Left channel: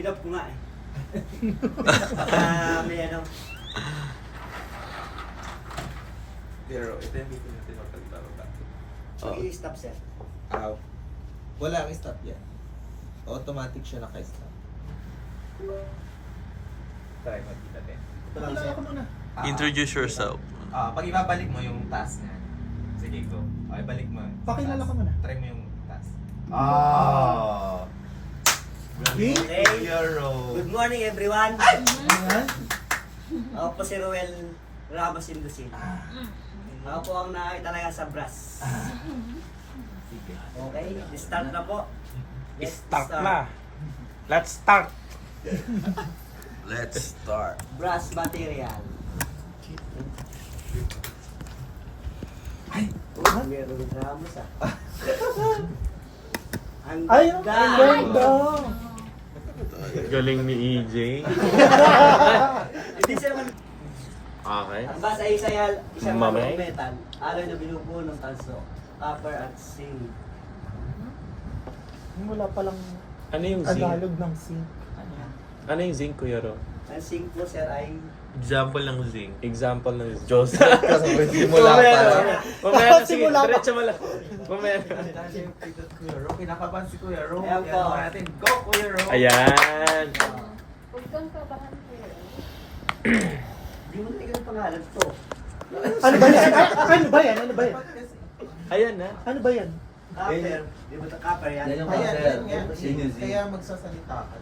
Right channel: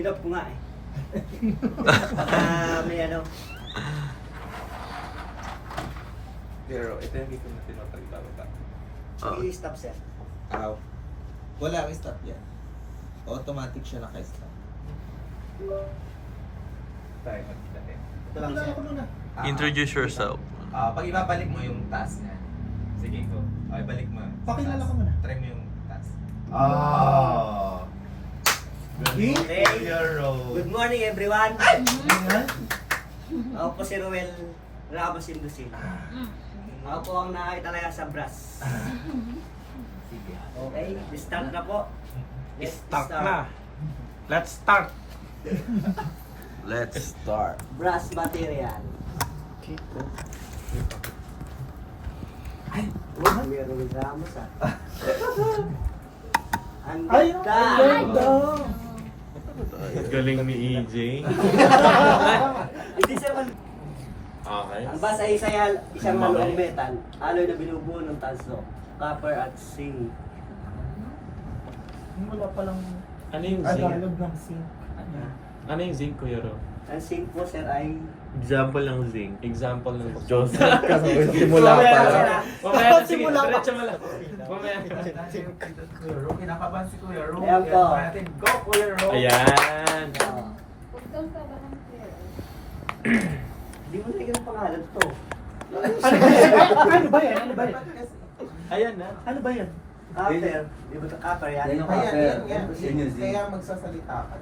Hinap ko nga eh. May ano. Pero ito yung dito natin mapaglalaba. I-stop sir. Ow. Wala kang stop yan. Automatic siya naka-stop. Tayo magkita din. Ito lang sir. Introduce yourself. Pag ibabalik mo yung task niya. Sige, go. Okay, balik mo. Pakilala ka muna. Try mo yung task. Okay. Hero. Good morning everyone. Ayan. Ako po si Roel Ramos Indusin. Ako po ang nakakita sa brass. Sige. Okay, start na po. Let's Start start. na. Let's start. Let's start. Brass material. Meron yung Ramos ah. Ang Ay, ganda. Galing ni EJ. Hindi sir man. Okay. Ang basa ay isang Malay. malong metal. Alloy na binubuo ng tanso. Copper at zinc. Wala palang Ano yung zinc? Tagalog ng zinc. Ano yung zinc, Kuya Ro? Ang zinc po sir ay Example ng zinc. Example ng zinc. Joseph, kasi simula pa lang. Mamaya na, sige, Simula pa. diretso mo lang. Mamaya na. Kuya Ro, kinakabahan si Kuya Ro. Ayan po. Kaya natin, go Kuya Ro. Ayan. Huwag kang kabahan ko. Hindi mo na yung pangalan to. Ano ba yan? Ano ba yan? Ayan na. Ano ba yan? Copper. Di ba ito copper yan? Kaya magsasalita ka.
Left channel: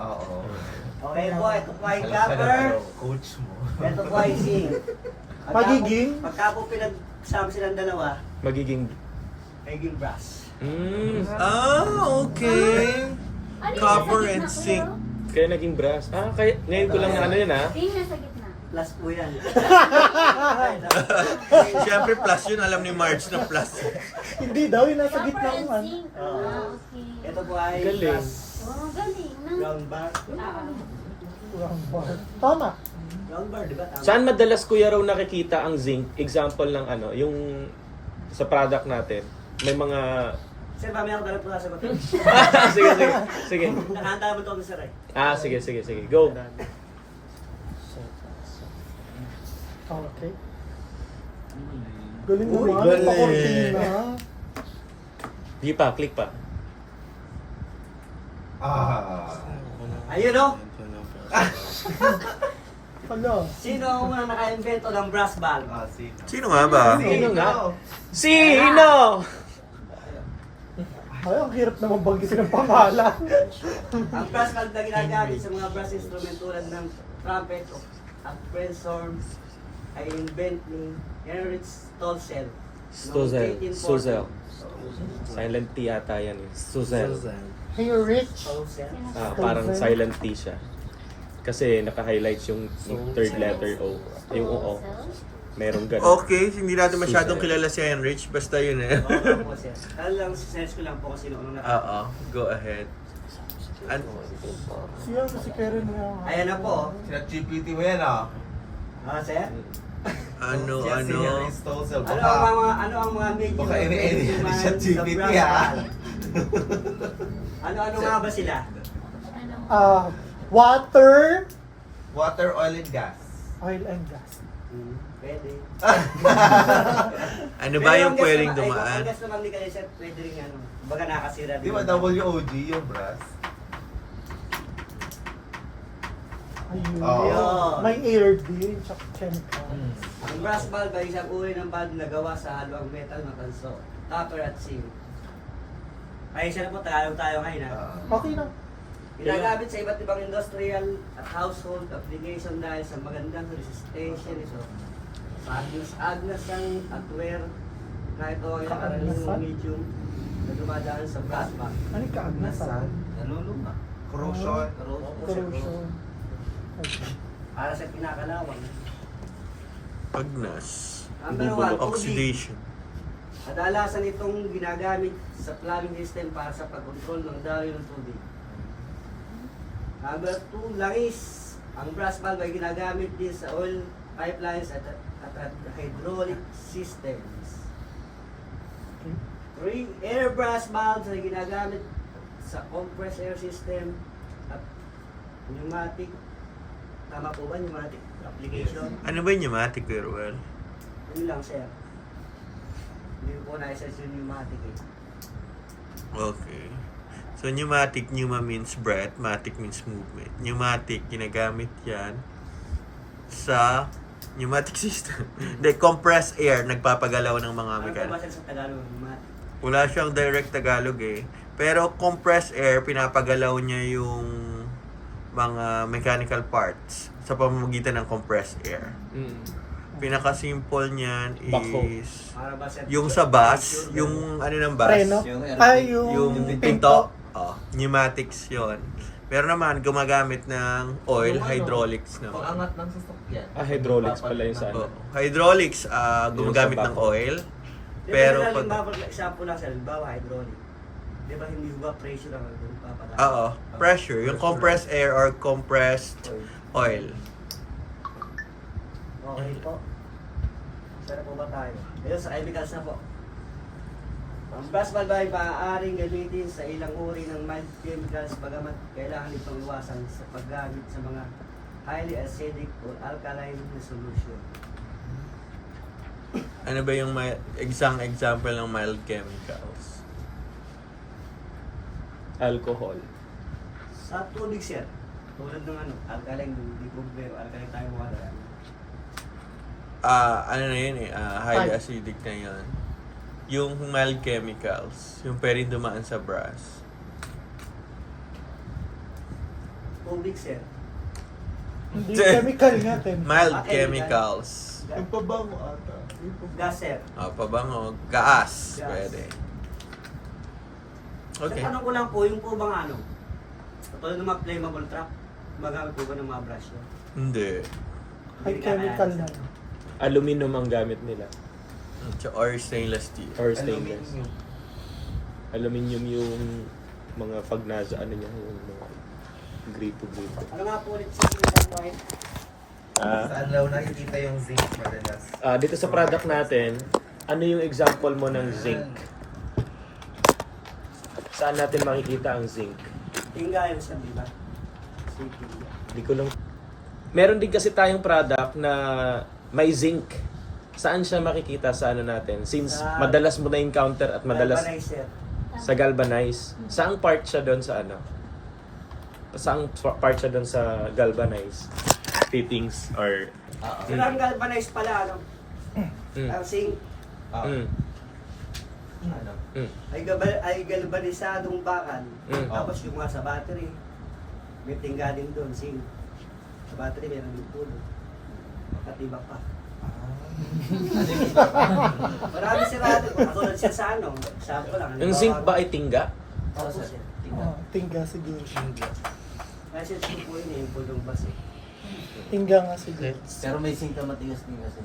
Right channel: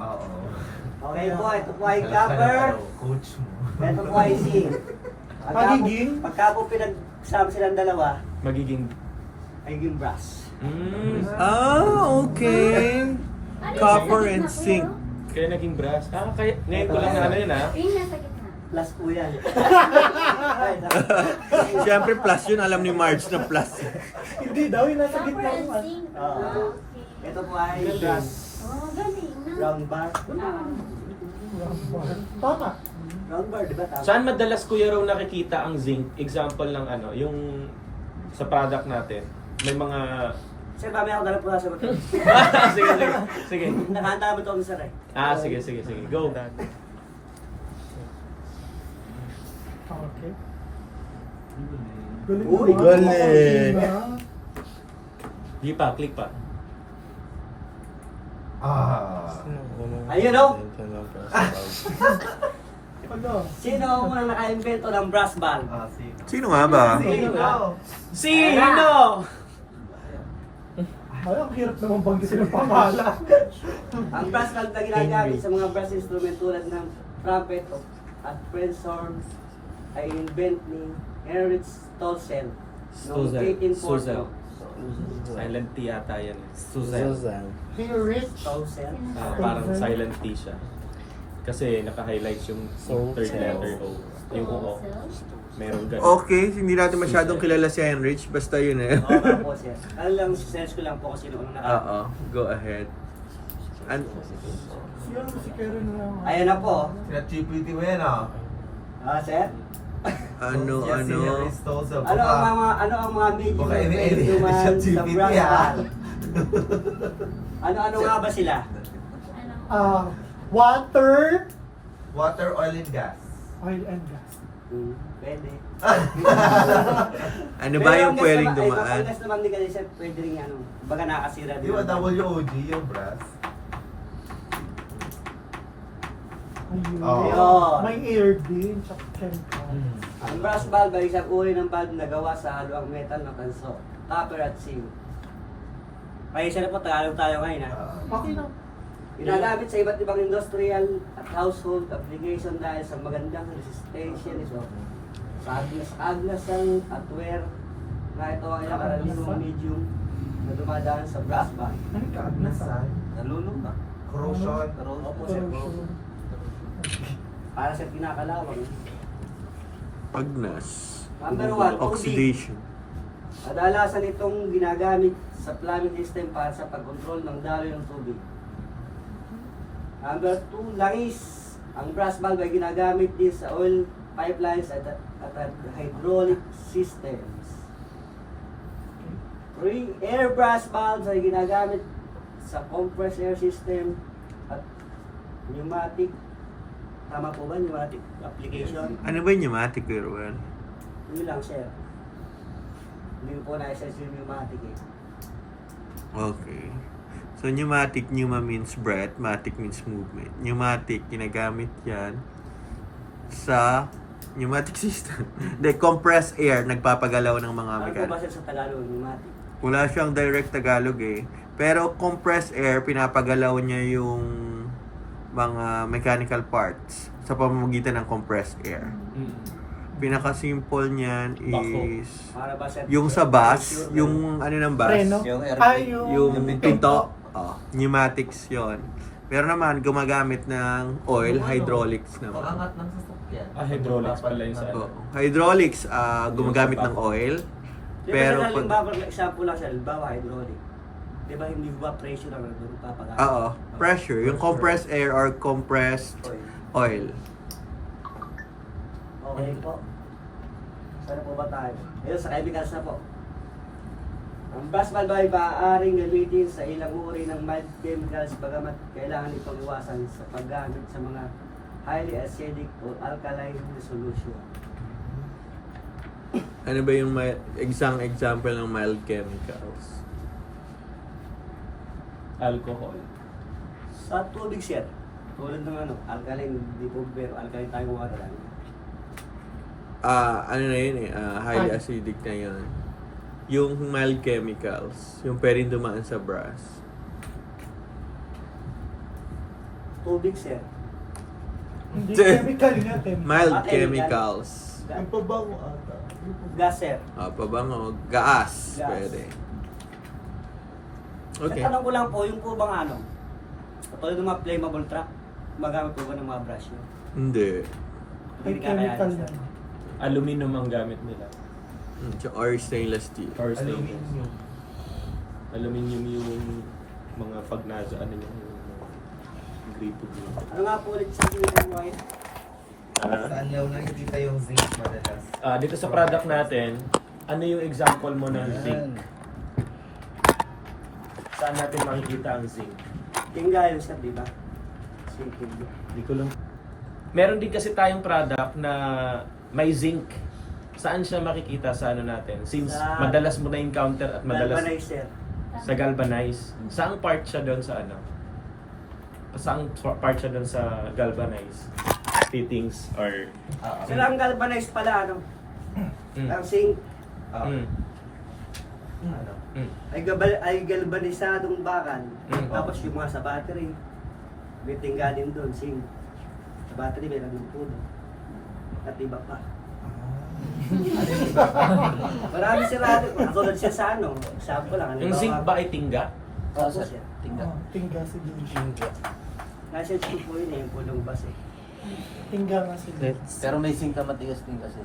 Oo. Okay po, ito po ay copper. Coach mo. Ito po ay zinc. Magiging? Pagka po pinagsama silang dalawa, Magiging... magiging brass. Okay. Ano yung Copper nasa and gitna, zinc. Kuya? Kaya naging brass. Kaya ngayon ko lang na ano yun, ha? Yung nasa gitna. Plus po yan. Ay, Siyempre plus yun, alam ni Marge na plus. Hindi daw, yung nasa gitna Copper and ko. zinc. Ah. Okay. Ito po ay Galing. brass. Oh, galing na. Round bar. Tama. Round bar, di ba? Tama. Saan madalas, Kuya Ro, nakikita ang zinc? Example ng ano, yung sa product natin. May mga... Sir, mamaya ako dala po sa sagot. sige, sige. Sige. Nakahanda mo ito sir eh. Sige, sige, sige. Go. Okay. Galing Uy, naman. galing. Makonti na. Di pa, click pa. Ayun o. Ano? Sino ang unang naka-invento ng brass ball? Sino nga ba? Sino nga? Sino? Ay, ang hirap naman banggitin ng pangalan. Ang brass ball na ginagamit sa mga brass instrument tulad ng trumpet at French horns ay invent ni Heinrich Stolzel. Stozel. Noong 1840. Stozel. Silent T ata yan. Suzel. Hey, Rich. Stolzel. Parang silent T siya. Kasi naka-highlights yung third letter O. Yung O. Merong ganun. Okay, hindi natin masyadong kilala si Heinrich. Basta yun eh. Oo po siya. Ano lang, search ko lang po kung sino unang Oo, go ahead. Siya, si Karen mo. Ayan na po. Sina GPT mo yan ah. Sir? Ano? Ano ang mga medyo Baka na ini-ini pwede dumaan siya sa GPT, brass ah. ball? Ano nga ba sila? Ano? Water, Water, oil, and gas. oil and gas. Pwede. Ano ba yung pwedeng dumaan? Ang gas naman ni kayo sir, pwede rin ano, baga nakasira Di ba WOG yung brass? Ayun. Oo. May air din, tsaka chemicals. Ang brass valve ay isang uri ng valve na gawa sa haluang metal na tanso, copper at zinc. Ay isa na po, Tagalog tayo ngayon ha. Okay na. Ginagamit sa iba't ibang industrial at household application dahil sa magandang resistensya nito. Sa agnasan at wear na ito ang ilang karaniwang medium na dumadaan sa brass band. Ano ka, agnasan? Nalulog na. Corrosion. Opo, sir. Corrosion. Para sa kinakalawang. Agnas. Number 1, tubig. Oxidation. Kadalasan itong ginagamit sa plumbing system para sa pagkontrol ng daloy ng tubig. Number 2, langis. Ang brass valve ay ginagamit din sa oil pipelines at hydraulic systems. 3, air brass valves ay ginagamit sa compressed air system at Pneumatic. Tama po ba pneumatic application? Ano ba yung pneumatic, Kuya Ruel? Yun lang, sir. Hindi ko po na-assess yung pneumatic eh. Okay. So, pneumatic, pneuma means breath, matic means movement. Pneumatic, ginagamit yan sa pneumatic system. Hindi, compressed air, nagpapagalaw ng mga Ano po ba mechanic. sir sa Tagalog, pneumatic? Wala siyang direct Tagalog eh. Pero compressed air, pinapagalaw niya yung mga mechanical parts sa pamamagitan ng compressed air. Pinaka-simple niyan is Para ba sir? yung sa bus, yung ano ng bus, Preno? Yung Ay, yung pinto, pneumatics yon. Pero naman, gumagamit ng oil, hydraulics naman. Angat ng sasakyan. Hydraulics pala yung sa Oh, ano. hydraulics, gumagamit ng oil. Pero Pero pag... pag... example lang sir, bawa hydraulic. Di ba hindi ba pressure ang papagana? Oo, pressure. Yung compressed air or compressed oil. Okay po. Sana po ba tayo? Ayun, sa chemicals na po. Ang brass valve ay maaaring gamitin sa ilang uri ng mild chemicals bagamat kailangan itong iwasan sa paggamit sa mga highly acidic or alkaline na solution. Ano ba yung example ng mild chemicals? Alcohol. Sa tubig sir, tulad ng alkaline, di po pero alkaline tayo water. Ano na yun eh, highly acidic na yun. Yung mild chemicals, yung pwedeng dumaan sa brass. Tubig sir. Hindi chemical nga, Mild Ah, chemicals. Yung pabango ata. Gas sir. Pabango, gas, Gas. pwede. Okay. Okay. Tanong ko lang po, yung po bang katulad ng mga flammable truck, magamit po ba ng mga brush nyo? Hindi. Ay, chemical na. Aluminum ang gamit nila. Or stainless steel. Or stainless. Aluminium yung mga pag nasa ano niya, yung mga gripo-gripo. Ano nga po ulit sa yung wine? Saan daw nakikita yung zinc madalas? Dito sa product natin, ano yung example mo ng zinc? Saan natin makikita ang zinc? Tingga yun sir, di ba? Simple. Hindi ko lang... Meron din kasi tayong product na may zinc. Saan siya makikita sa ano natin? Since Sa- madalas mo na-encounter at madalas Galvanizer. sa galvanize. Saang part siya doon sa ano? Saang part siya doon sa galvanize? Fittings or... Sir, ang galvanize pala, ang zinc Mm. Ano? Mm. ay galvanisadong bakal. Mm. Tapos yung mga sa battery, may tingga din doon, zinc. Sa battery, meron yung puno. At iba pa. Marami sila natin. Katulad siya sa example lang. Yung zinc ba ay tingga? Oo, sir. Tingga siguro. License ko po yun yung punong bus eh. Tingga nga siguro. Pero may zinc ka matigas din kasi.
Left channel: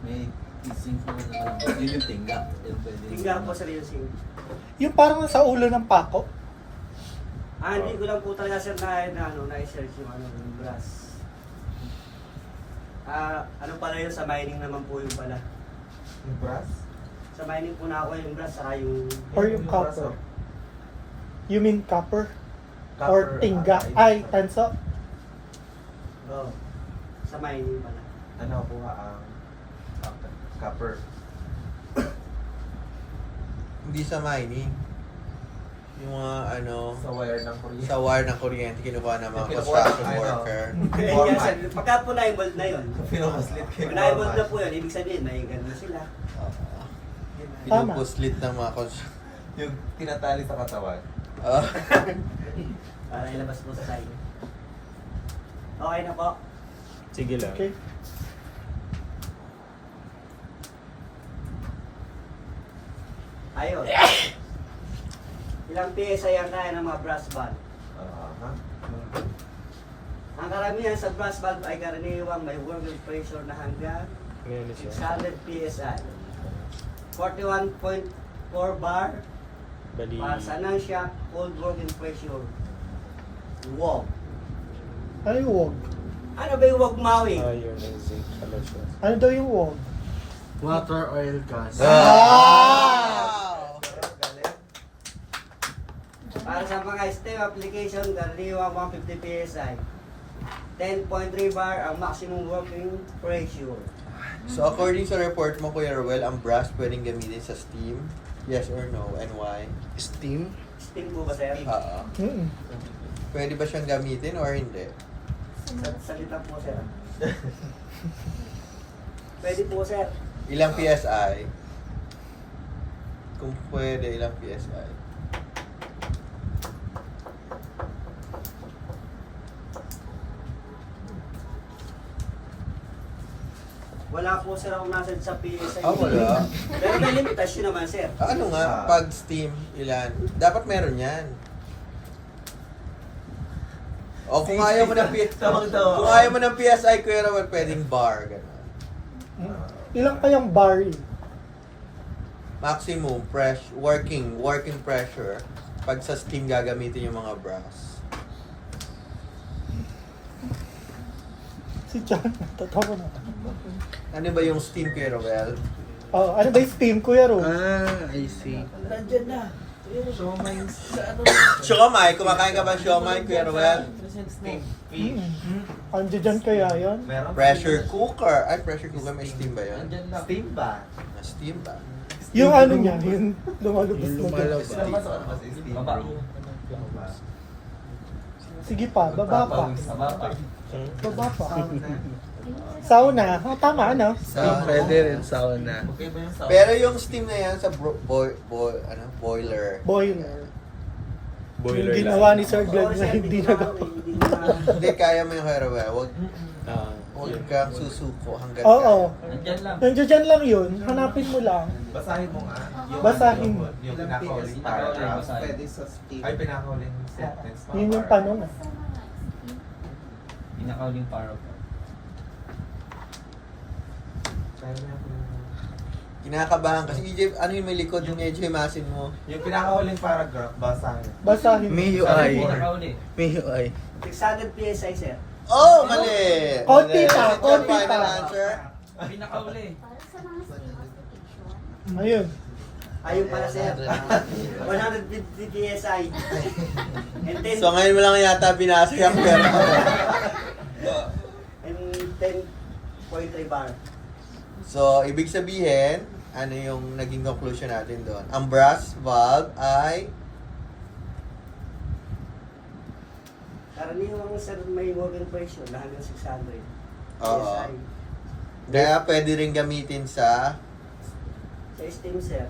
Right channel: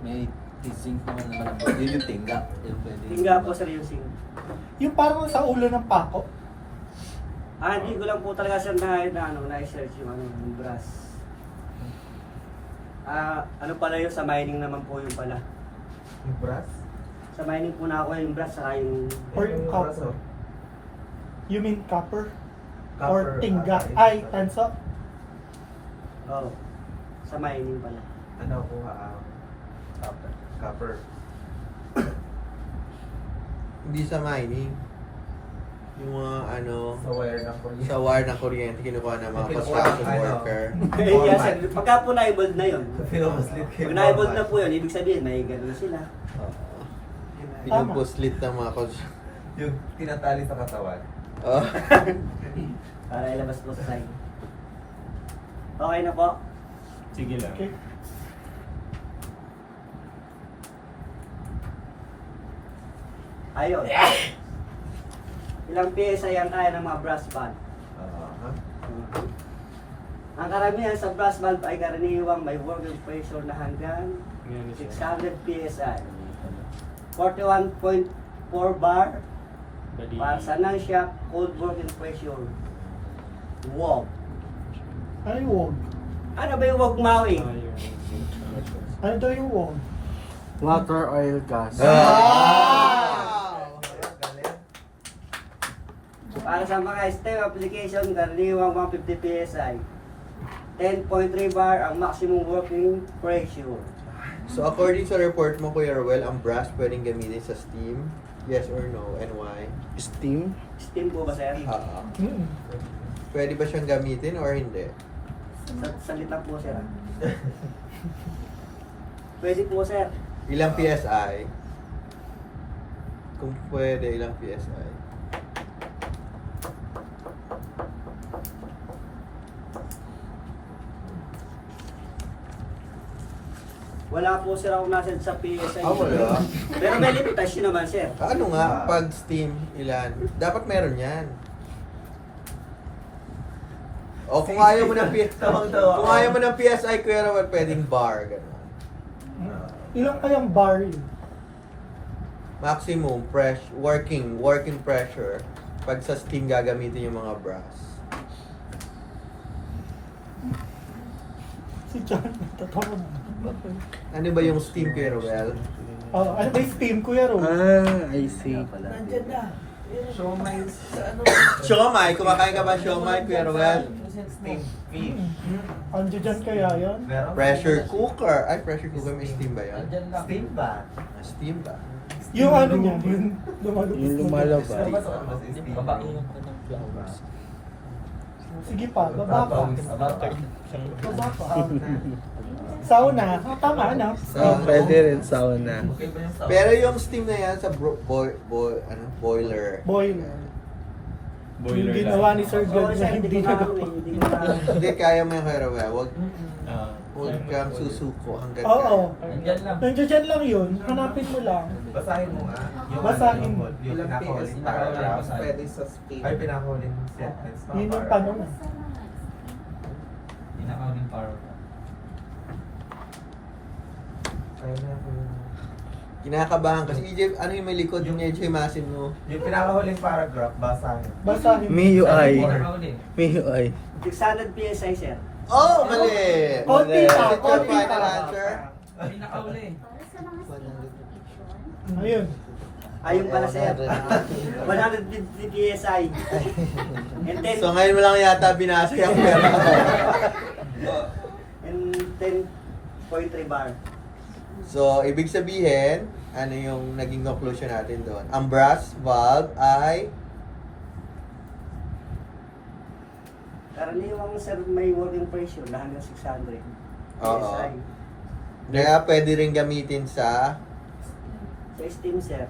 May zinc naman malambot. Yun yung tingga. Yun pwede. Tingga po sir yung zinc. Yung parang sa ulo ng pako. Hindi ko lang po talaga sir na-search yung brass. Ano pala yun, sa mining naman po yung pala. Yung brass? Sa mining po na ako yung brass, saka yung... Or yung brass, copper. oh. You mean copper? Copper, Or tingga? Ay, tanso? Oh, sa mining pala. Ano ko copper. Hindi sa mining. Yung mga Sa wire ng kuryente. sa wire ng kuryente kinukuha ng mga Kinukuha construction ng ano. worker. Kaya sir, pagka po na-evolve na yun, Pinapaslit pag na-evolve na po yun, ibig sabihin, may gano'n na sila. Pinupuslit ng mga Yung tinatali sa katawan. Para ilabas po sa side. Okay na po. Sige lang. Okay. Ayun. Ilang PSI ang kaya ng mga brass valve? Ang karamihan sa brass valve ay karaniwang may working pressure na hanggang Ano siya? 600 PSI. 41.4 bar Bali. para sa non-shock cold working pressure. WOG. Ano yung wog? Ano ba yung WOG, Maui? Yun ang zinc. Ano siya? Ano daw yung wog? Water, oil, gas. Para sa mga STEM application, karaniwang 150 PSI. 10.3 bar ang maximum working pressure. So according sa report mo, Kuya Ruel, ang brass pwedeng gamitin sa steam? Yes or no? And why? Steam? Steam po ba, sir? Oo. Mm-mm. Pwede ba siyang gamitin or hindi? Salita po, sir. Pwede po, sir. Ilang PSI? Kung pwede, ilang PSI? Wala po, sir, ako nasa sa PSI. Wala. Pero may limitasyon naman, sir. Ano nga, pag steam, ilan? Dapat meron yan. O kung ayaw mo ng kung ayaw mo ng PSI, Kuya Ruel, pwedeng bar, gano'n. Ilang kayang bar yun? Maximum working pressure pag sa steam gagamitin yung mga brass. Si John, totoo na. Ano ba yung steam, Kuya Ruel? Oh, ano ba yung steam, Kuya Ro? I see. Nandiyan na. So, may Siomai, kumakain ka ba siomai, Kuya Ruel? Andiyan dyan kaya yan? Pressure cooker. Ay, pressure cooker, may steam ba yun? Nandiyan na. Steam ba? Ah, steam ba? Yung ano niya, yung lumalabas. Yung lumalabas. Baba. Sige pa, baba pa. Baba. Baba pa. Sauna, tama ano? Pwede rin sauna. Pero yung steam na yan sa boiler. Boiler. Boiler Yung ginawa ni Sir Glenn na hindi na Hindi na. Hindi, kaya mo yung Kuya Ruel. Ah. Huwag kang susuko hanggang Oo. kaya. Nandiyan lang. Nandiyan dyan lang yun, hanapin mo lang. Basahin mo nga. Basahin mo. Yung Ilang pinaka-huling PS paragraph. pwede sa steam. Ay, pinaka-huling sentence. Yun yung paano na. Pinaka-huling paragraph. Kinakabahan kasi EJ, ano yung may likod yung EJ masin mo? Yung pinaka-huling paragraph, basahin. Basahin mo. MIUI. Pinaka-huli. MIUI. 600 PSI, sir. Oh, mali! Konti Is pa, it your konti final pa. answer? Pinaka-huli. Para sa mga certification. Ayun. Ayun pala, sir. 150 PSI. And then, So ngayon mo lang yata binasa yung pera. and 10.3 bar. So, ibig sabihin, ano yung naging conclusion natin doon? Ang brass valve ay Karaniwang, sir, may working pressure na hanggang 600 Oo. PSI. kaya pwede rin gamitin sa Sa steam, sir.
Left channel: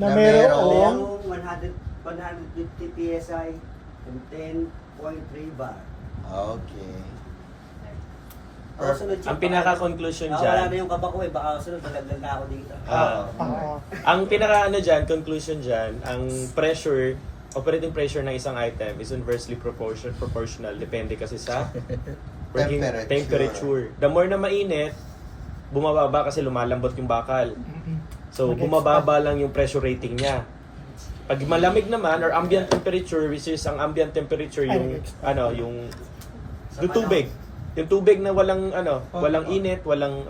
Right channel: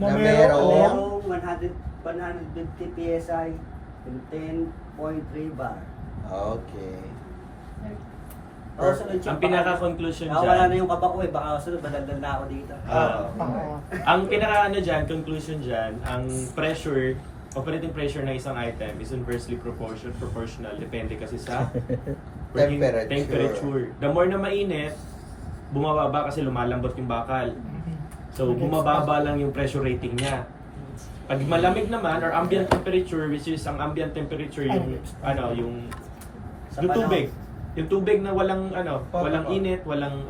Na Merong merong- 150 PSI and 10.3 bar. Okay. O, sunod siya. Ang pinaka-conclusion Wala na dyan, yung kaba ko eh. Baka sunod, madagdag na ako dito. ah, ang pinaka-ano dyan, conclusion dyan, ang pressure, operating pressure ng isang item is inversely proportional. Depende kasi sa working temperature. The more na mainit, bumababa kasi lumalambot yung bakal. So, bumababa lang yung pressure rating niya. Pag malamig naman, or ambient temperature, which is ang ambient temperature, yung, yung tubig. Yung tubig na walang, walang init, walang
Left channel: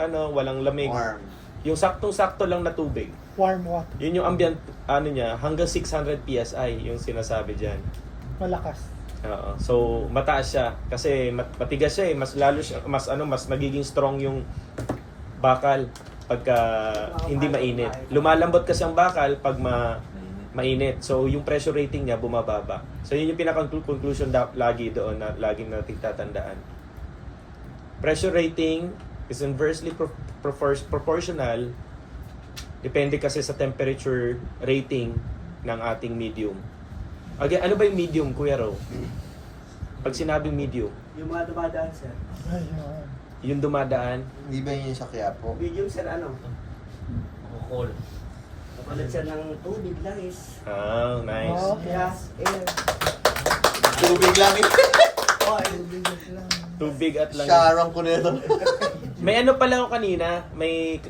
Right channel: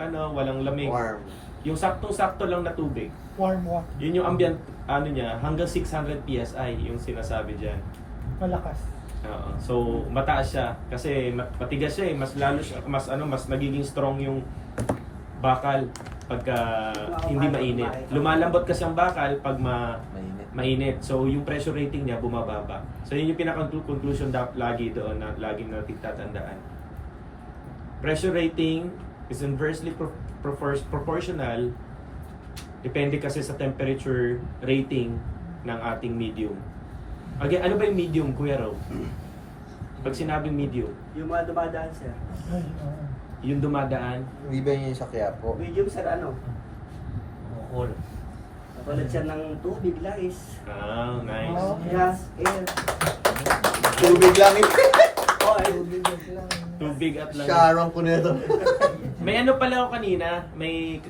lamig. Warm. Yung saktong-sakto lang na tubig. Warm water. Yun yung ambient, niya, hanggang 600 PSI yung sinasabi dyan. Malakas. Oo. So, mataas siya. Kasi matigas siya eh. Mas lalo siya, mas nagiging strong yung bakal pagka hindi mainit. Lumalambot kasi ang bakal pag mainit. So, yung pressure rating niya bumababa. So, yun yung pinaka-conclusion lagi doon na laging natin tatandaan. Pressure rating is inversely proportional. Depende kasi sa temperature rating ng ating medium. Again, ano ba yung medium, Kuya Ro? Pag sinabing medium, Yung mga dumadaan, sir. Ayun. yung dumadaan, Hindi ba yun sa Quiapo? Medium, sir, ano? Cool. Napalad siya ng tubig, guys. nice. Gas, air. Tubig lang eh. Oh, ay. Tubig at lang. Sharon ko nito. May ano pala ako kanina, may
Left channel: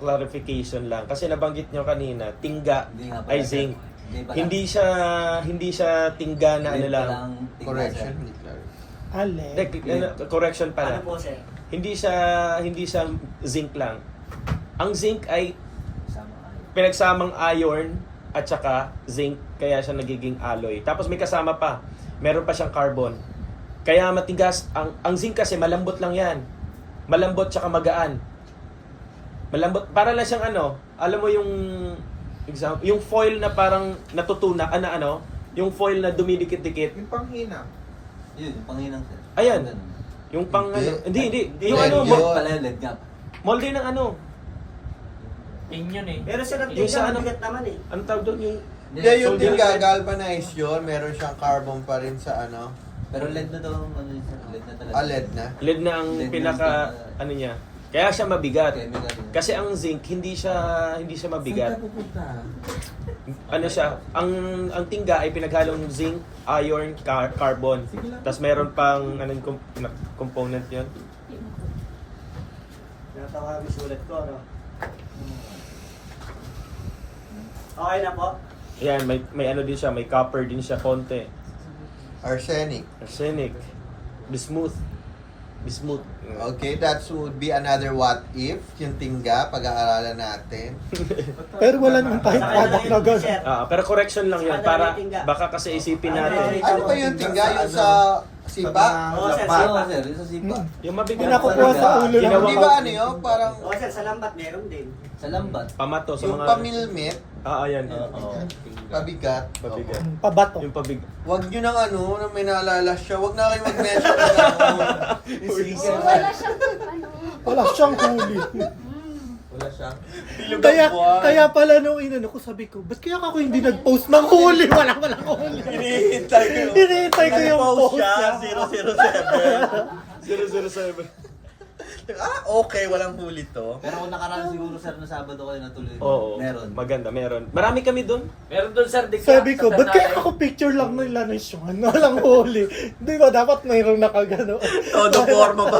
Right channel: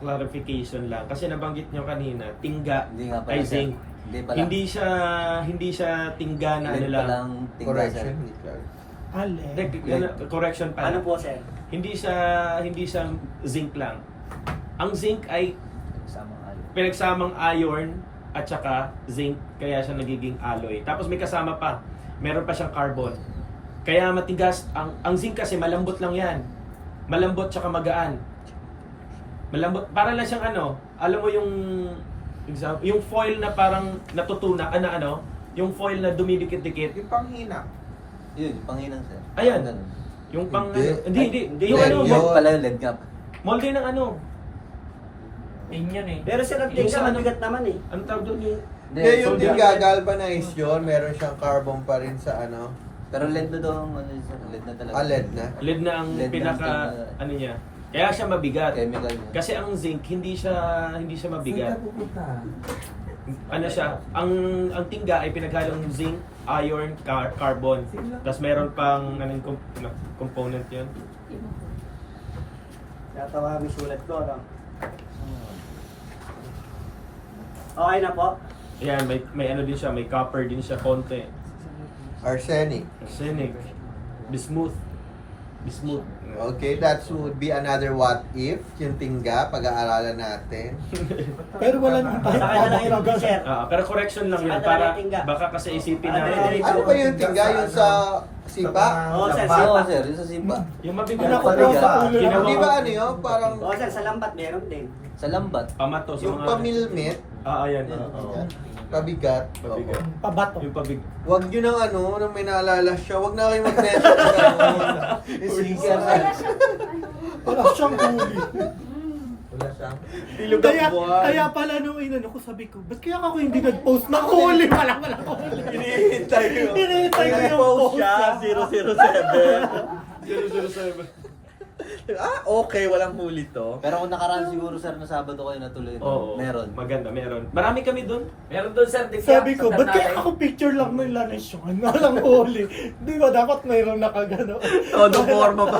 clarification lang. Kasi nabanggit nyo kanina, tingga Hindi nga pala. ay zinc. Hindi pala. Hindi siya tingga na ano lang. Correction. Hindi clear. Ale. Correction pa. Ano po, sir? Hindi siya zinc lang. Ang zinc ay pinagsamang iron at saka zinc, kaya siya nagiging alloy. Tapos may kasama pa, meron pa siyang carbon. Kaya matigas, ang zinc kasi malambot lang yan. Malambot tsaka magaan. Malambot, para lang siyang alam mo yung example, yung foil na parang natutuna, yung foil na dumidikit-dikit. Yung panghina. Yun, panghinang sir. Ayan. Ganun. Yung pang Hindi. hindi. Yung Lead Yun pala yung lead cap. molde ng Pero sir, ang Yung sa tingka mabigat naman eh. ano tawag doon yung Hindi, yung solder. tingga galvanized yun, meron siyang carbon pa rin sa Pero lead na daw ang ano yun sir. Lead na talaga. LED na. lead na ang Lead na pinaka ang niya. Kaya siya mabigat. Chemical na. Kasi ang zinc hindi siya mabigat. Ano siya, ang tingga ay pinaghalong zinc, iron, carbon. Tapos meron pang anong component 'yon. Natawa kami sulat ko, no? Okay na po. Ayan, may ano din siya, may copper din siya konti. Arsenic. Arsenic, bismuth. Okay, that would be another what if, yung tingga, pag-aaralan natin. Pero wala naman tayo Sa kanya tawag na lang gano'n. sir. Pero correction lang 'yan Sa para tingga. baka kasi isipin natin. Ano ba yung tingga? Yung sa sipa? Oo, sir, Oo sipa. sir, yung sa sipa. Yung mabigat Nakukuha sa ulo lang. Ginawa- Di ba ano yun? Parang Oo, sir, sa lambat meron din. Sa lambat. pamato sa yung mga pamilmit, ayan. pabigat. Pabigat. Pabato. Yung pabig. Huwag nyo nang nang may naalala siya. Huwag na kayo mag-measure ng gano'n. Wala siyang huli. Wala siya. Bilog Kaya pala nung inano ko, sabi ko, ba't kaya ako hindi nag-post ng huli? Wala huli. Hinihintay ko yun. Hinihintay ko yung Nag-post post siya, niya. 007. Okay, walang huli to. Pero kung nakaraan siguro sir na Sabado kayo natuloy. Oo. Meron. Maganda, meron. Marami kami doon. Meron doon sir, Sabi ko, ba't kaya ako picture lang ng lanisyon? Walang huli. Di ba, dapat mayroong nakagano. Todo forma pa.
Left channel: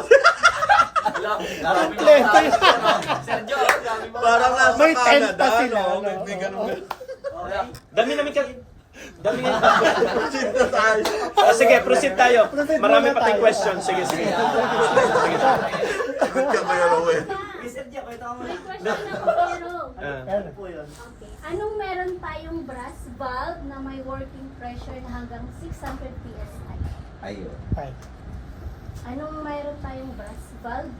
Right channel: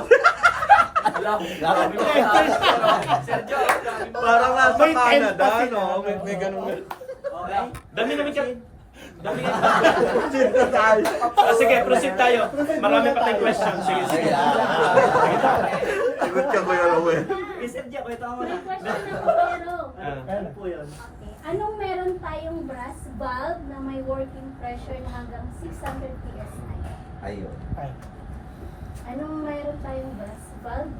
Parang nasa May tent Canada, pa sila. no? May ganun. Okay? Dami namin chat. Dami namin. Proceed na tayo. Sige, proceed tayo. Marami pa tayong questions. Sige, sige. Sagot ka, Kuya Rowell. Sir, Diyo, kwento ko muna. May question ako pero. Ano po yun? Okay. Anong meron tayong brass valve na may working pressure na hanggang 600 PSI? Ayun. Anong meron tayong brass valve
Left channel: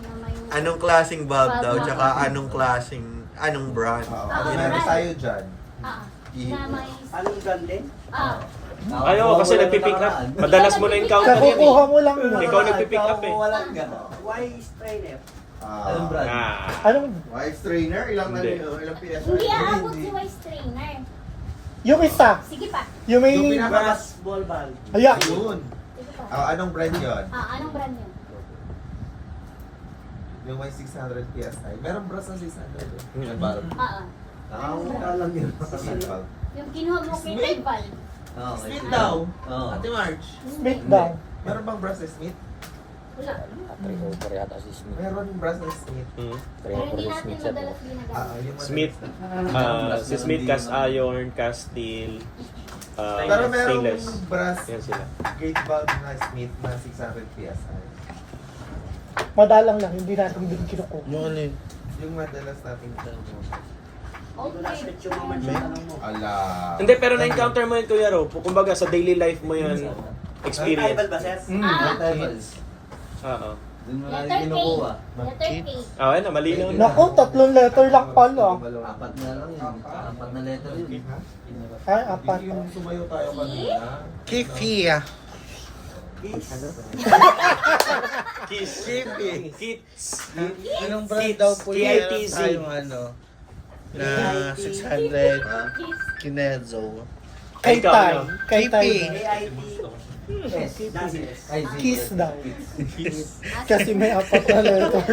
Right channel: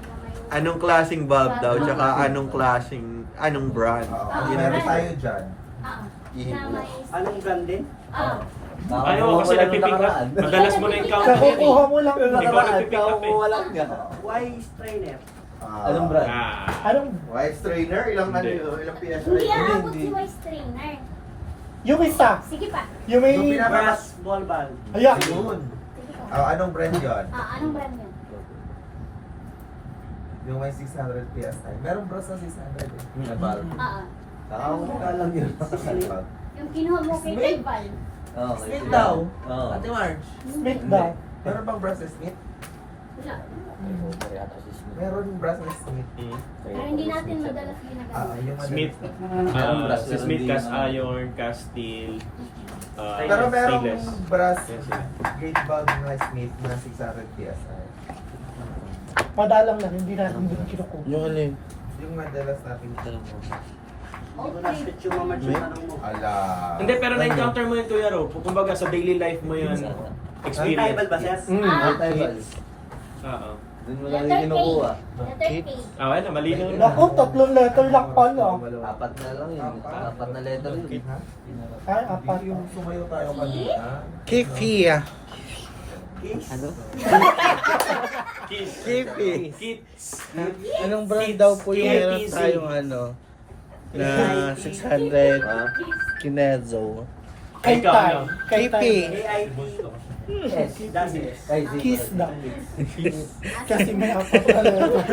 na may Anong klaseng valve daw, tsaka anong brand? Oo. Yun ang Meron gusto. tayo dyan. na may Anong brand din? Ayaw, kasi nagpipick up. Madalas mo na-encounter yun eh. Kukuha mo lang. Ikaw nagpipick up eh. Wala nga. Why strainer? Anong brand? Anong, White strainer, ilang Hindi. ilang PSI? hindi aabot si Vice Trainer. yung isa, Sige pa. yung may, Yung pinaka- Brass ball valve. ayan. Ayun. Sige pa. Anong brand yun? Anong brand yun? Yung may 600 PSI. Meron bros na 600 eh. Mm. Wala lang yun. Yung kinuha mo kay Smith. Taiwan. Oo. Smith daw. Oo. Ate Marge. Smith daw. Meron bang bros na Smith? Wala. Meron bros na Smith. Mm. Pero hindi natin madalas ginagamit. Yung Smith. Si Smith cast iron, cast steel, Pero merong stainless. brass Yan sila. gate valve na Smith na 600 PSI. Madalang lang, hindi natin din kinukuha. Yung madalas natin dito. Hindi ko na-search yung mga yung tanong mo. Ala. Hindi, pero na-encounter mo yun, Kuya Ro. Kumbaga, sa daily life mo yan. May Experience. table ba, sir? May tribals. Oo. Doon mo lang Letter K. kinukuha. Letter K. Ano, malinaw na. Naku, 3 letter lang pala. 4 na lang yun. 4 na letter yun. Ay, apat. Yung sumayo tayo kanina. Kifi. Kiss. Kiss. Ilang bird daw po Kiss. yan Kiss. tayong ano, na 600 Kinezo. Kay Ikaw, Tay. ano? Kay Tay. AIT. Yes. Does it? Kiss daw. Kasi may apat na letter.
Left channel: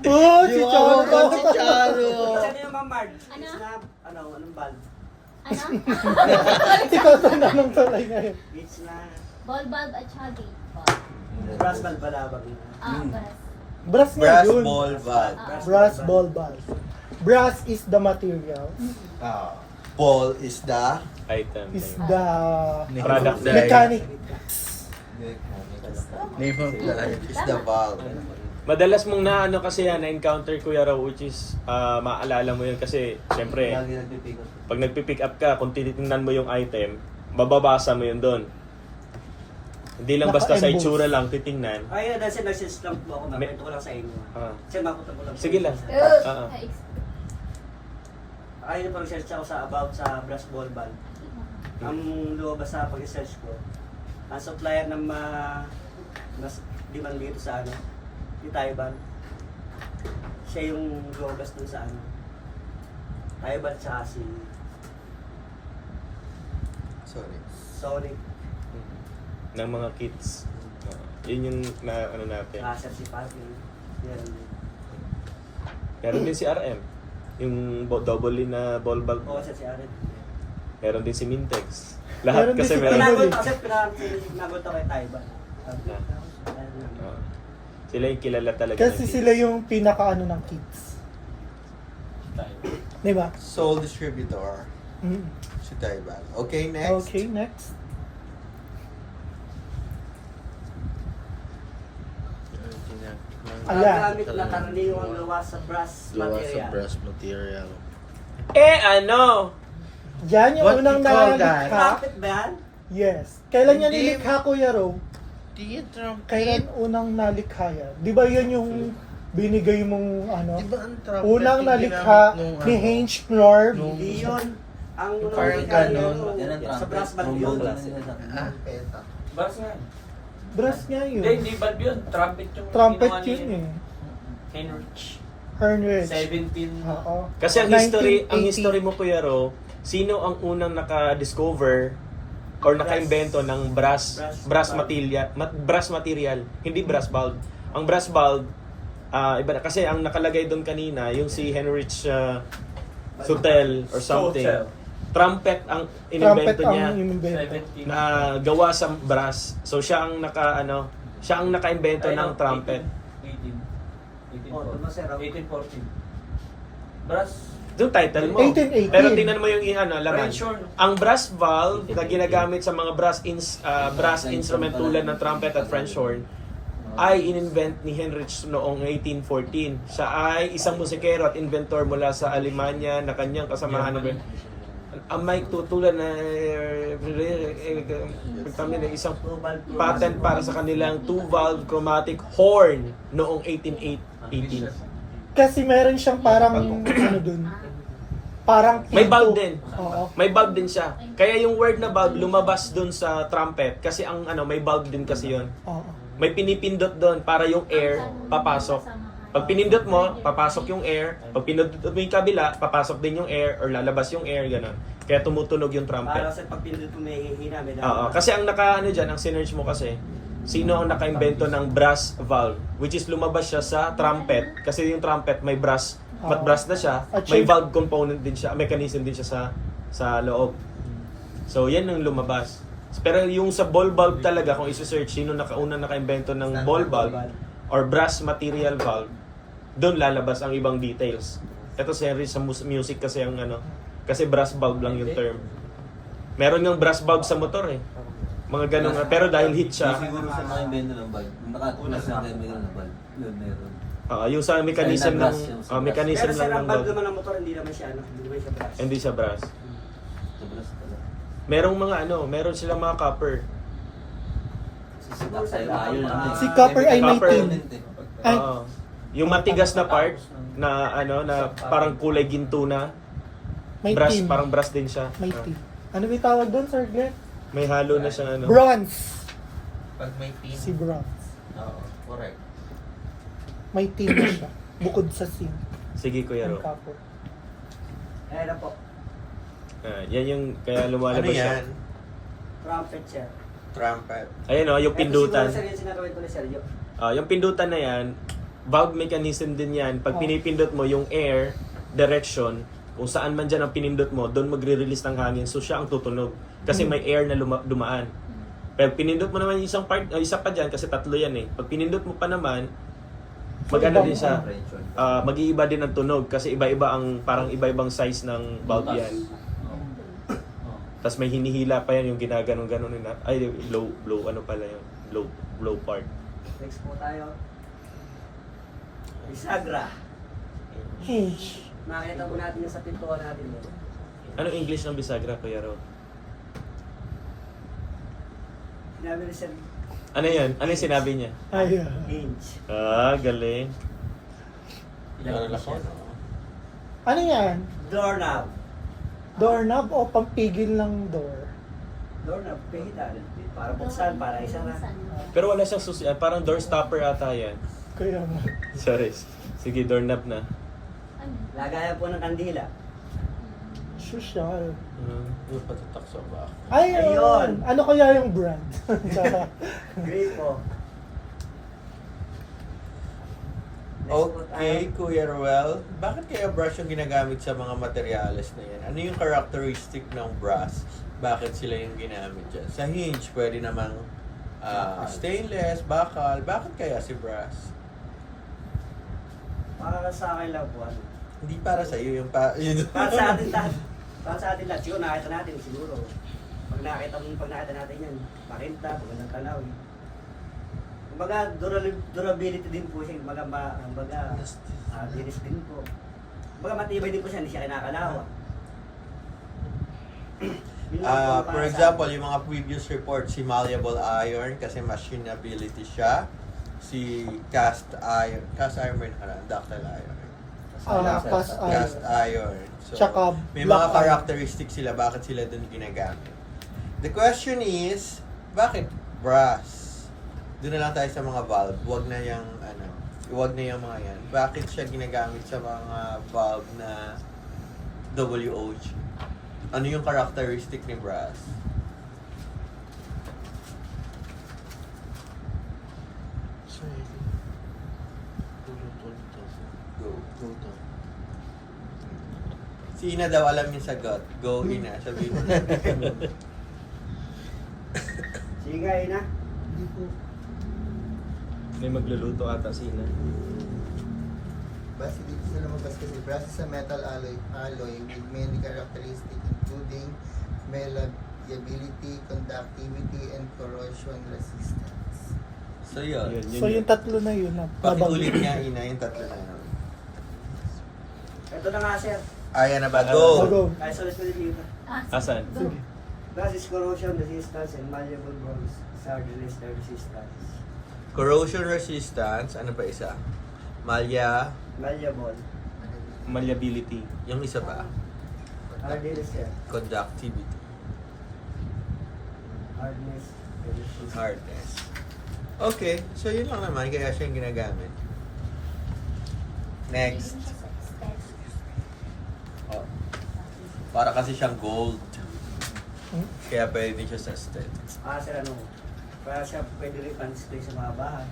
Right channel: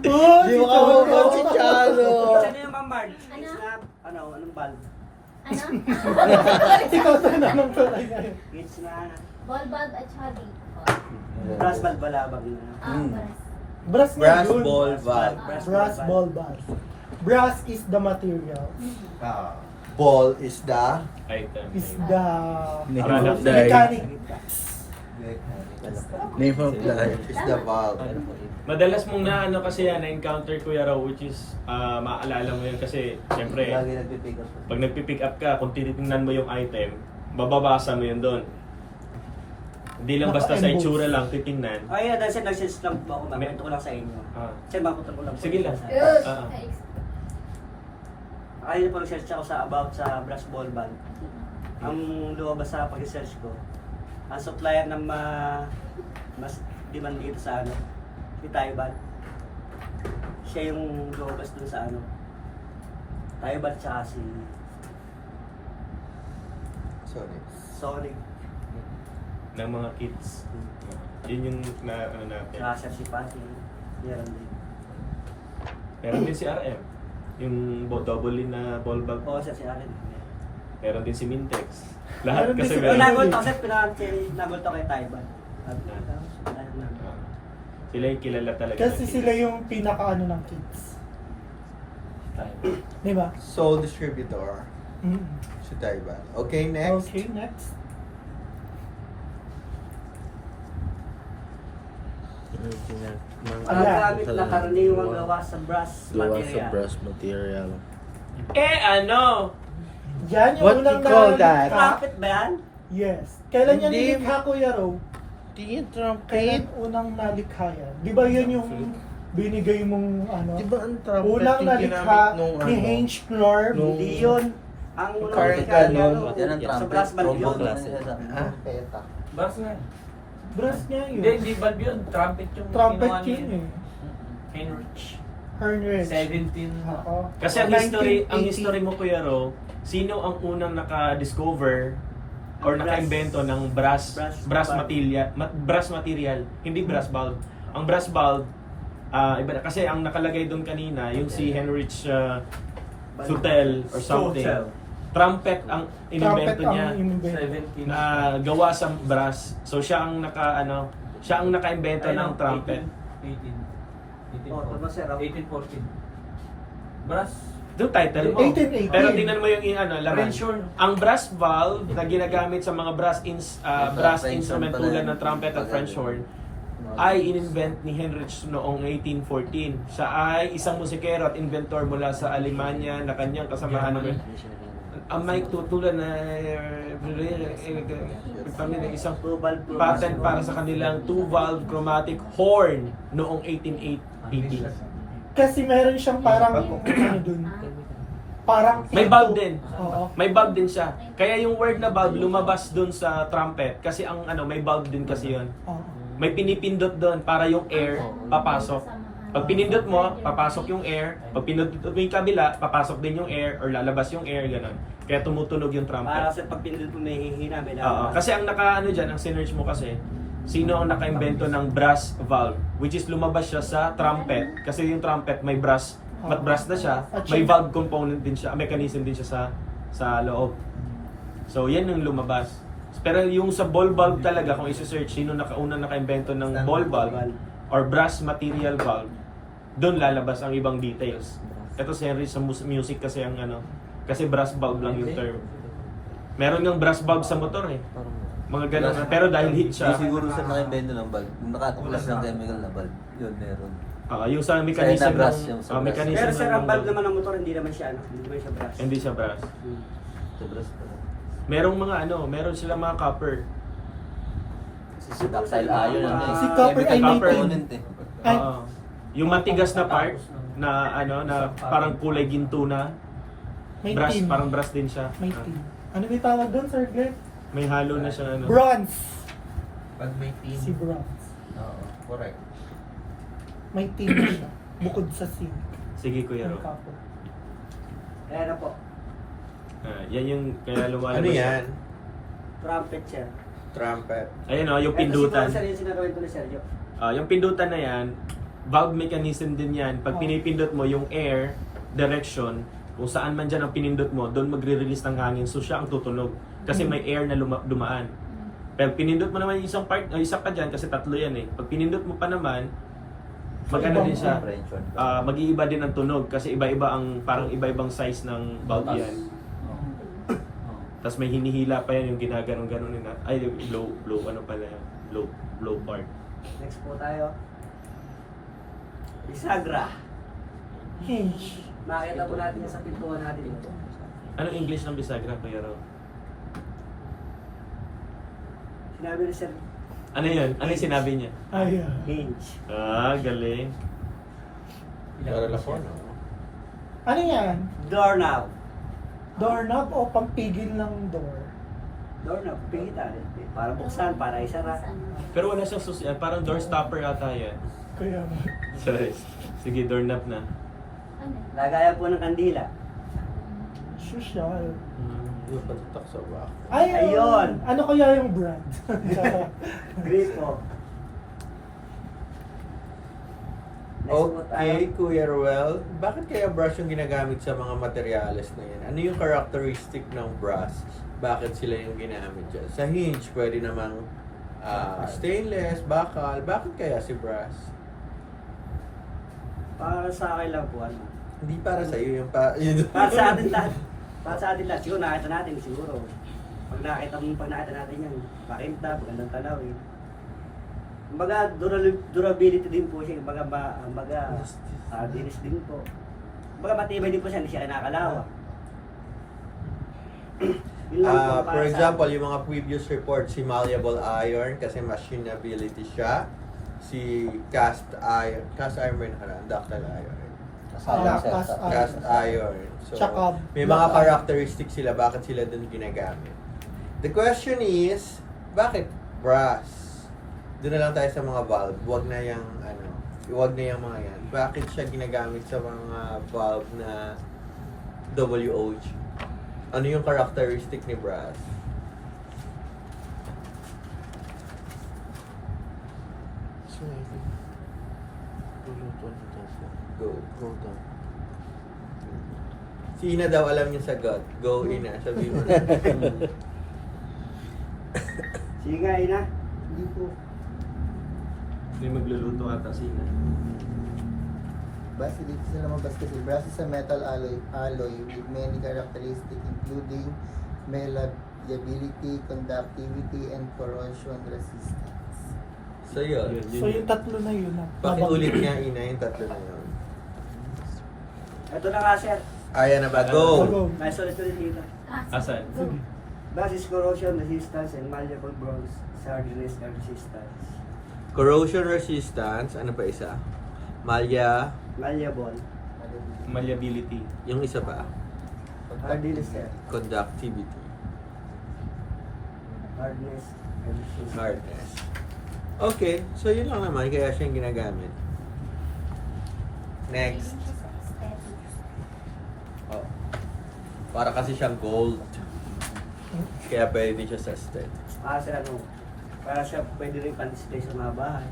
Oh, si Cholo. Si Chalo. Saan yung pambard? Ano? Snap, anong valve? Ano? Ikaw sa naman talaga ngayon. It's na Ball bulb at saka gate. brass valve balabag na. Brass. Brass na Brass yun. ball valve. Brass ball valve. Brass is the material. Ball is the Item. Is the Product mechanic. is the valve. Madalas mong na ano kasi yan, na-encounter Kuya Raw, which is maalala mo yun kasi syempre Lagi nagpipick up. pag nagpipick up ka, kung tinitingnan mo yung item, Mababasa mo yun doon. Hindi lang basta sa Naka-emboss. itsura lang titingnan. Ay, dahil sa nag-search lang po ako, makwento ko lang sa inyo. Ah. Kasi mapunta ko lang po. Sige lang. Ugh. Ayun po nag-search ako about sa brush ball band. Ang lumabas sa pag-search ko, ang supplier ng mas demand dito sa ano, ni Taiwan. Siya yung lumabas dun sa ano, Taiwan tsaka si Sorry. Sonic, Ng mga kits. Yun yung na ano natin. tsaka si Patty. Yan. Meron din si RM. Yung double na ball bag. Oo, siya si Aaron. Meron din si Mintex. Lahat Meron din kasi si meron. Pinagot ako kasi pinagot ako kay Taiwan. Sabi ko, Taiwan. Ah. Sila yung kilala talaga. Kasi ng sila kids. yung pinaka-ano ng kids. Di ba? Sole distributor. Mm. Si Taiwan. Okay, next. Okay, next. Ang Ayan. gamit na karaniwang gawa sa brass Gawa sa material. brass material. ano? Yan yung What unang you call that? nalikha. Trumpet ba yan? Yes. Kailan yan Hindi. nilikha, Kuya Rob? Di trumpet. Kailan unang nalikha yan? Di ba yan yung binigay mong ano? Di ba ang trumpet Unang yung nalikha ginamit nung ni ano? Heinz Knorr. Hindi yun. Ang unang Carter nakikita niya, Cannon, yan ang sa trumpet. brass band yun. Trombone na nila sa Ah, Peta. Brass nga. Brass nga yun. Hindi valve yun. Trumpet yung Trumpet ginawa ni yun eh. Heinrich. Heinrich. 17. Oo. Kasi ang history, 1980. ang history mo Kuya Ro, sino ang unang naka-discover or Brass. naka-invento ng brass Brass brass material, hindi brass bulb. Ang brass bulb iba na kasi ang nakalagay doon kanina, yung si Heinrich Sutel or something. Sutel. Trumpet ang Trumpet inimbento niya ang inimbento. 17. na gawa sa brass. So siya ang siya ang naka-invento ng trumpet. 18. Oh, tama, sir. 1814. Brass. Yung title mo. 1818. Pero tingnan mo yung laman. French horn. Ang brass valve na ginagamit sa mga brass instrument tulad ng trumpet at French horn ay in-invent ni Heinrich noong 1814. Siya ay isang musikero at inventor mula sa Alemanya na kanyang kasamahan ng ang may tutulad na kami na isang patent para sa kanilang two-valve chromatic horn noong 1880. Kasi meron siyang parang ano dun. Parang May valve din. Oo. May valve din siya. Kaya yung word na valve lumabas dun sa trumpet kasi ang may valve din kasi yon. Oo. May pinipindot doon para yung air papasok. Pag pinindot mo, papasok yung air. Pag pinindot mo yung kabila, papasok din yung air or lalabas yung air, gano'n. Kaya tumutunog yung Para trumpet. sa pag pinindot mo may hihina, may Oo. Kasi ang dyan, ang sinerge mo kasi, sino ang naka-invento ng brass valve, which is lumabas siya sa trumpet. Kasi yung trumpet may brass, mat brass na siya, At may siya- valve component din siya, mechanism din siya sa loob. So yan yung lumabas. Pero yung sa ball valve talaga, kung isi-search sino unang naka-invento ng ball valve or brass material valve, doon lalabas ang ibang details. Ito si Henry sa music kasi ang kasi brass valve lang yung term. Meron yung brass valve sa motor eh. Mga ganun. Pero dahil hit siya, Yung siguro sa mga invento ng bulb. Yung nakatuklas ng chemical na bulb. Yun, meron. yung sa mechanism Sa brass, ng yung sa brass. mechanism Pero sir, ng ang valve valve. naman ng motor, hindi naman siya hindi naman siya brass. Hindi siya brass. Sa brass pala. Merong mga meron silang mga copper. Si Daxile iron ano eh. Si copper ay Chemical may tin. component eh. Ay. Oo. Yung matigas na part na na parang kulay ginto na May brass, tin. parang brass din siya. May tin. Ano may tawag doon, Sir Glenn? May halo na siya Bronze. Pag may pin. Si bronze. Oo, correct. May tin na siya. Bukod sa sin. Sige Kuya Ro. Ang kapo. Ayan na po, Yan yung kaya lumalabas. Ano siya. yan? trumpet siya. Trumpet. Ayun yung pindutan. Ito si sinagawin ko ni Sergio. Yung pindutan na yan, valve mechanism din yan. Pag pinipindot mo yung air direction, kung saan man dyan ang pinindot mo, doon magre-release ng hangin. So siya ang tutunog. Kasi may air na dumaan. Pero pinindot mo naman yung isang part, isa pa dyan kasi tatlo yan eh. Pag pinindot mo pa naman, maganda din siya. Mag-iiba din ang tunog kasi iba-iba ang parang iba-ibang size ng valve yan. Tapos may hinihila pa yan yung ginaganon-ganon nila. Ay, blow ano pala yan. Blow part. Next po tayo. Bisagra. Hinge. Makita po natin yung sa pintuan natin dito. Anong English ng bisagra, Kuya Ro? Sinabi ni Sir Ano yun? Ano yung sinabi niya? Ay, Hinge. Galing. Meron ako, no? ano yan? Doorknob. Doorknob o pampigil ng door? Doorknob, pihita. Para buksan, para isara. Pero wala siyang susi. Parang door stopper ata yan. Kaya Sorry. Sige, doorknob na. Ano? Lagayan po ng kandila. social. Yung patatak sa back. Ay, Ayun! ano kaya yung brand? Charot. Great po. Okay, Kuya Ruel, bakit kaya brush yung ginagamit sa mga materyales na yan? Ano yung characteristic ng brush? Bakit sila yung ginamit dyan? Sa hinge, pwede namang stainless, bakal. Bakit kaya si brush? Para sa akin lang po, ano. Hindi para sa iyo yung Para sa atin lahat. Para sa atin lahat. Siguro nakita natin, siguro. Pag nakita natin yan, makinta, magandang talaw eh. Kumbaga, durability din po siya. Kumbaga, diris din po. Kumbaga, matibay din po siya, hindi siya kinakalawa. Yun lang po For para sa example, atin. yung mga previous reports, si malleable iron kasi machinability siya. Si cast iron ba yung nakaraan? Ductile iron. Cast iron. So, Tsaka may black mga iron. characteristics sila, bakit sila dun ginagamit. The question is, bakit brass? Doon na lang tayo sa mga valve. Huwag na yung mga yan. Bakit siya ginagamit sa mga valve na WOG? Ano yung characteristic ni brass? Go. Si Ina daw alam yung sagot. Go, Ina. Sabihin mo na. Sige nga, Ina. Hindi po. May magluluto ata sila. Base dito sa lumabas kasi brass is a metal alloy with many characteristics including malleability, conductivity, and corrosion resistance. So, yun. So yung tatlo na yun. Pakiulit nga, Ina, yung tatlo na yun. Ito na nga, sir. Ayan na ba? Go! Go. Ay, ulit dito. Asan? Go. Brass is corrosion resistance and malleable bronze hardness and resistance. Corrosion resistance. Ano pa isa? Malleable. Malleability. Yung isa ba? Hardness, sir. Conductivity. Hardness and resistance. Hardness. Okay. So, yun lang naman. Kaya siya yung ginagamit. Next. Oh. Para kasi siyang gold. Kaya pwede siya sa aesthetics. Sir, ano, para siya pwede rin pan-display sa mga bahay.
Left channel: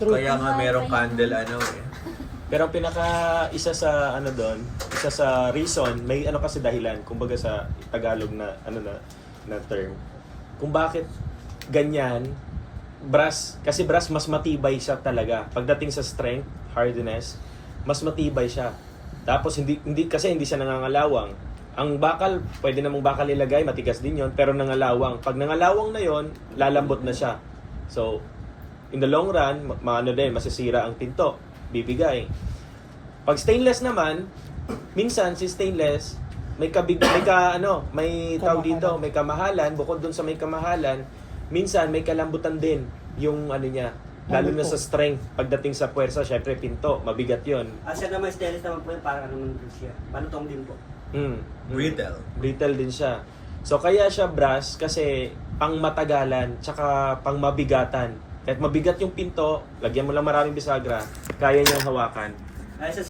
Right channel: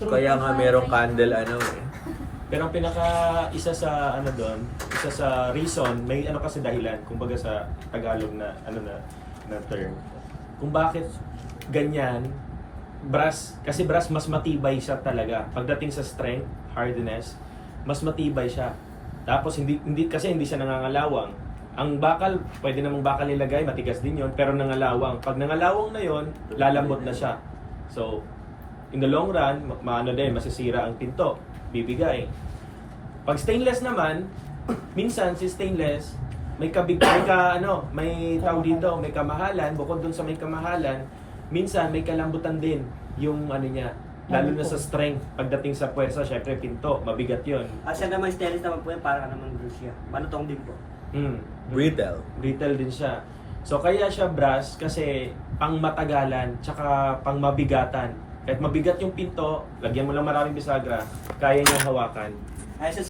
True. Kaya nga merong candle Pero ang isa sa isa sa reason, may kasi dahilan, kumbaga sa Tagalog na na term. Kung bakit ganyan, kasi brass mas matibay siya talaga. Pagdating sa strength, hardness, mas matibay siya. Tapos hindi siya nangangalawang. Ang bakal, pwede namang bakal ilagay, matigas din yon, pero nangalawang. Pag nangalawang na yon, lalambot na siya. So, in the long run, masisira ang pinto, bibigay. Pag stainless naman, minsan si stainless, may tawag dito, may kamahalan, bukod dun sa may kamahalan, minsan may kalambutan din yung niya, lalo na sa strength. Pagdating sa puwersa, syempre pinto, mabigat yon. Siya naman stainless naman po yun, parang naman din siya. Balutong din po. Brittle. Brittle din siya. So kaya siya brass kasi pang matagalan, tsaka pang mabigatan. Kahit mabigat yung pinto, lagyan mo lang maraming bisagra, kaya niyang hawakan. Ay, sa